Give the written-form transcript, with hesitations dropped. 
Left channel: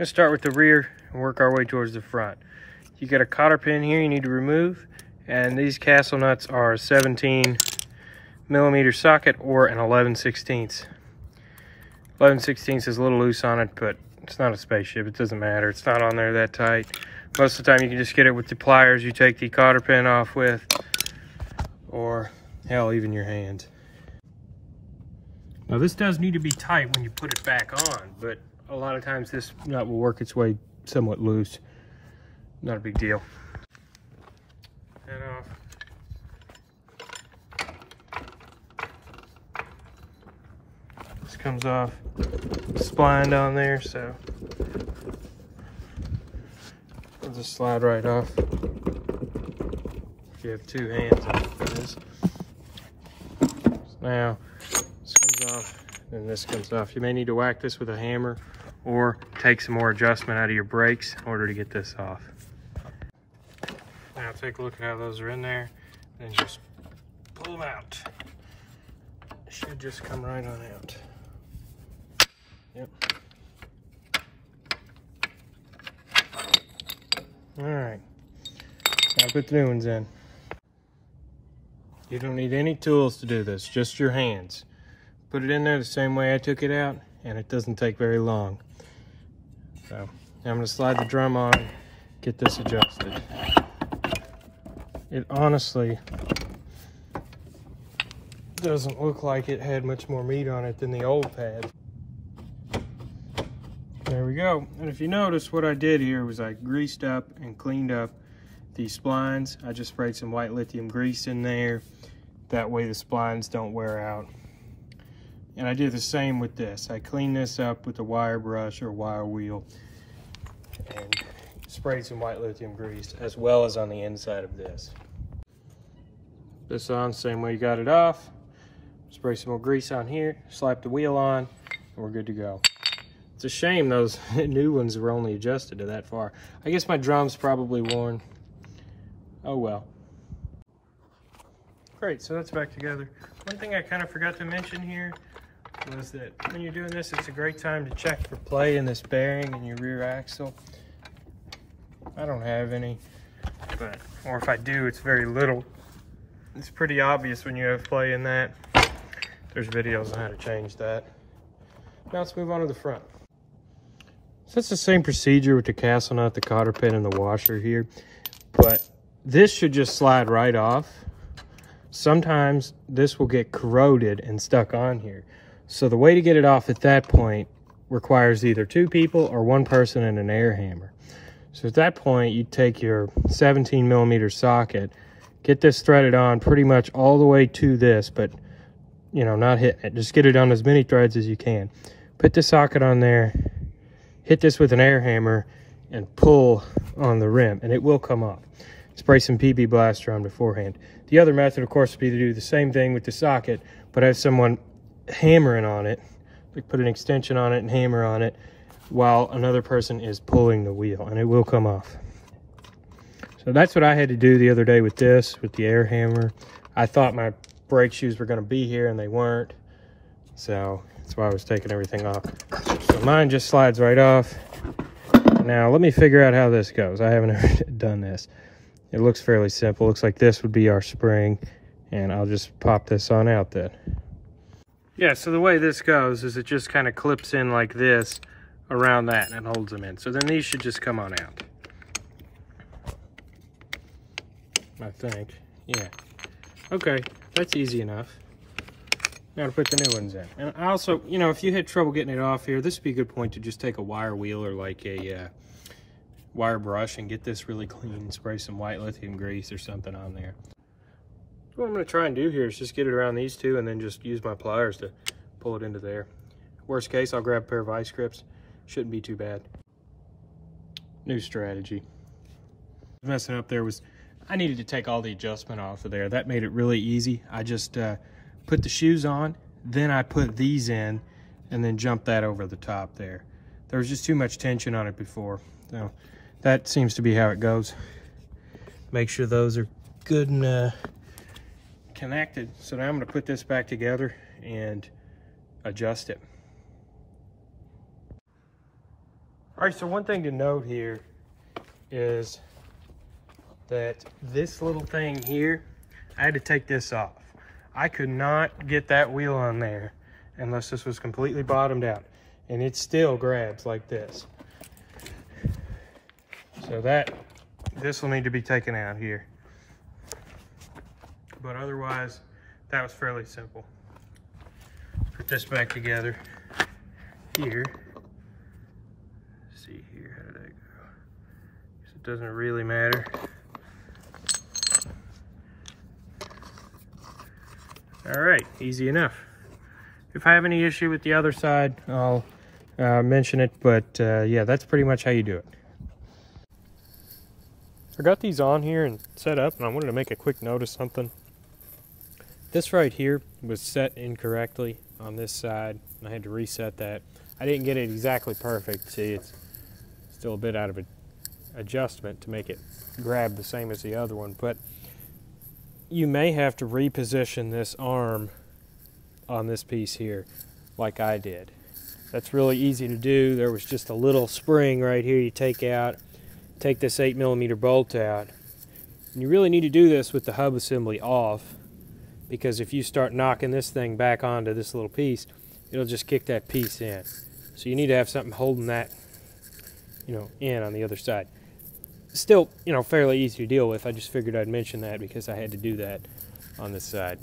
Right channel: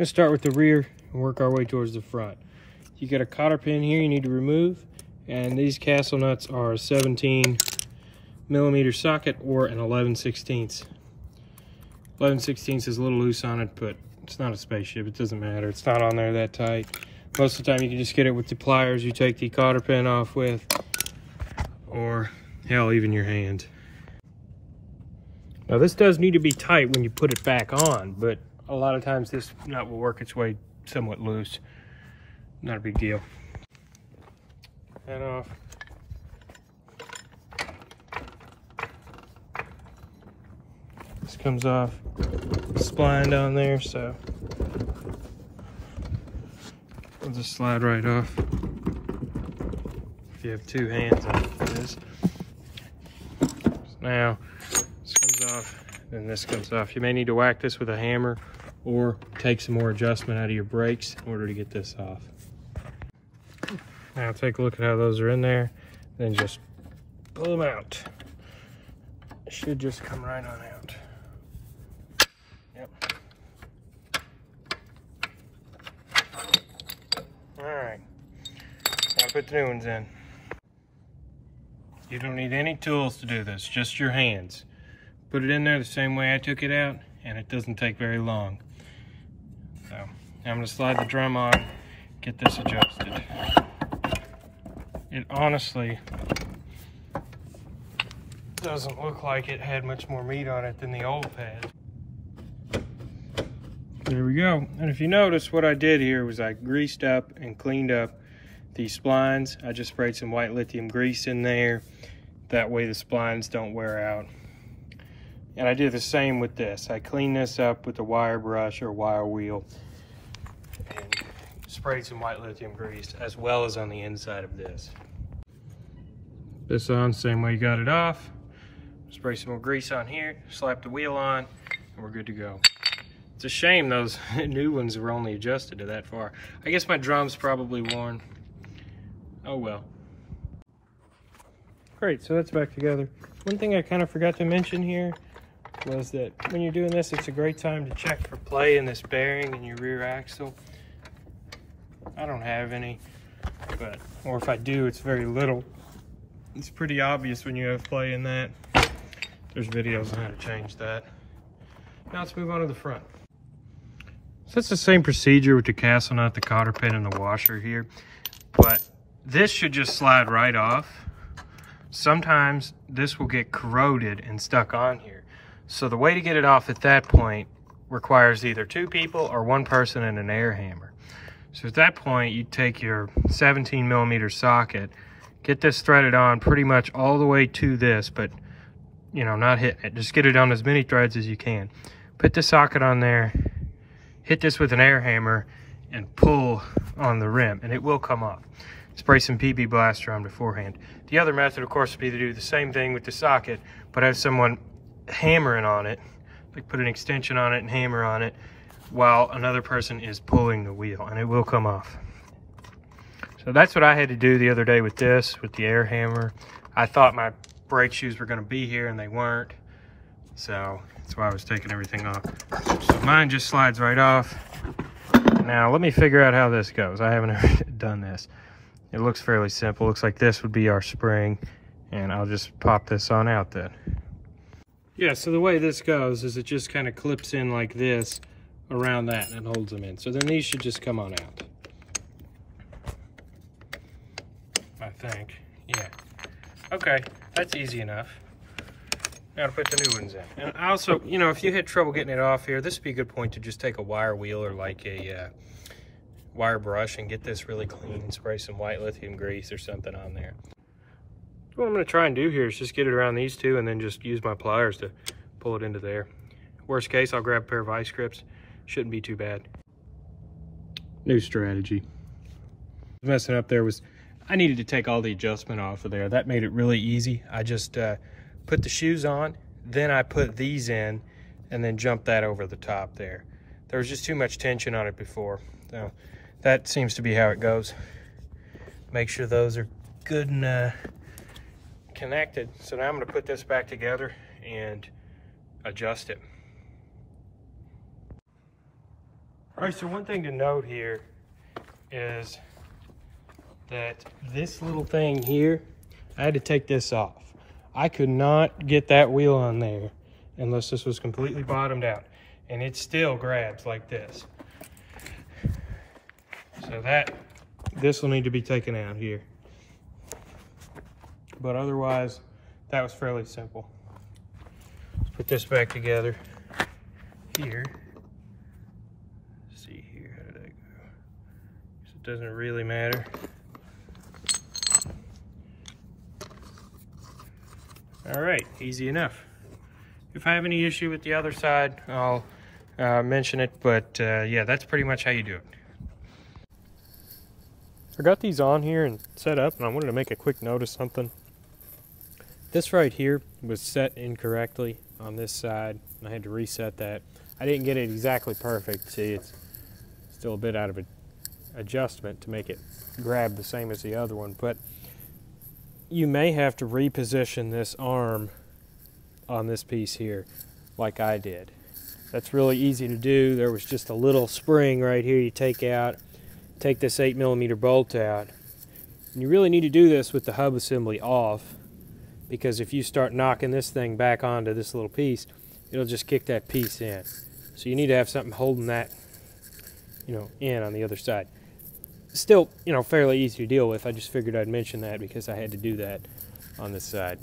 Let's start with the rear and work our way towards the front. You got a cotter pin here you need to remove, and these castle nuts are a 17mm socket or an 11/16. 11/16 is a little loose on it, but it's not a spaceship. It doesn't matter. It's not on there that tight. Most of the time you can just get it with the pliers you take the cotter pin off with, or hell, even your hand. Now this does need to be tight when you put it back on, but a lot of times this nut will work its way somewhat loose. Not a big deal. That off. This comes off. Spline down there, so it'll just slide right off. If you have two hands on this. Now this comes off, and this comes off. You may need to whack this with a hammer or take some more adjustment out of your brakes in order to get this off. Now take a look at how those are in there, then just pull them out. It should just come right on out. Yep. All right, now put the new ones in. You don't need any tools to do this, just your hands. Put it in there the same way I took it out, and it doesn't take very long. So now I'm gonna slide the drum on, get this adjusted. It honestly doesn't look like it had much more meat on it than the old pad. There we go. And if you notice, what I did here was I greased up and cleaned up these splines. I just sprayed some white lithium grease in there. That way the splines don't wear out. And I did the same with this. I cleaned this up with a wire brush or wire wheel and sprayed some white lithium grease, as well as on the inside of this. This on, same way you got it off. Spray some more grease on here, slap the wheel on, and we're good to go. It's a shame those new ones were only adjusted to that far. I guess my drum's probably worn. Oh well. Great, so that's back together. One thing I kind of forgot to mention here was that when you're doing this, it's a great time to check for play in this bearing in your rear axle. I don't have any, but, or if I do, it's very little. It's pretty obvious when you have play in that. There's videos on how to change that. Now let's move on to the front. So it's the same procedure with the castle nut, the cotter pin, and the washer here, but this should just slide right off. Sometimes this will get corroded and stuck on here. So the way to get it off at that point requires either two people or one person and an air hammer. So at that point, you take your 17mm socket, get this threaded on pretty much all the way to this, but you know, not hit it. Just get it on as many threads as you can. Put the socket on there, hit this with an air hammer, and pull on the rim, and it will come off. Spray some PB Blaster on beforehand. The other method, of course, would be to do the same thing with the socket, but have someone hammering on it, like put an extension on it and hammer on it, while another person is pulling the wheel, and it will come off. So that's what I had to do the other day with this, with the air hammer. I thought my brake shoes were going to be here, and they weren't, so that's why I was taking everything off. So mine just slides right off. Now let me figure out how this goes. I haven't ever done this. It looks fairly simple. Looks like this would be our spring, and I'll just pop this on out then. Yeah, so the way this goes is it just kind of clips in like this around that and holds them in. So then these should just come on out. I think, yeah. Okay, that's easy enough. Now to put the new ones in. And also, you know, if you hit trouble getting it off here, this would be a good point to just take a wire wheel or like a wire brush and get this really clean and spray some white lithium grease or something on there. What I'm going to try and do here is just get it around these two and then just use my pliers to pull it into there. Worst case, I'll grab a pair of vice grips. Shouldn't be too bad. New strategy. Messing up there was I needed to take all the adjustment off of there. That made it really easy. I just put the shoes on, then I put these in, and then jumped that over the top there. There was just too much tension on it before. So that seems to be how it goes. Make sure those are good and connected. So now I'm going to put this back together and adjust it. All right, so one thing to note here is that this little thing here, I had to take this off. I could not get that wheel on there unless this was completely bottomed out, and it still grabs like this. So this will need to be taken out here. But otherwise, that was fairly simple. Put this back together here. Let's see here, how did that go? So it doesn't really matter. All right, easy enough. If I have any issue with the other side, I'll mention it, but yeah, that's pretty much how you do it. I got these on here and set up, and I wanted to make a quick note of something. This right here was set incorrectly on this side, and I had to reset that. I didn't get it exactly perfect. See, it's still a bit out of adjustment to make it grab the same as the other one, but you may have to reposition this arm on this piece here like I did. That's really easy to do. There was just a little spring right here you take out, take this 8mm bolt out. And you really need to do this with the hub assembly off, because if you start knocking this thing back onto this little piece, it'll just kick that piece in. So you need to have something holding that, in on the other side. Still, fairly easy to deal with. I just figured I'd mention that because I had to do that on this side.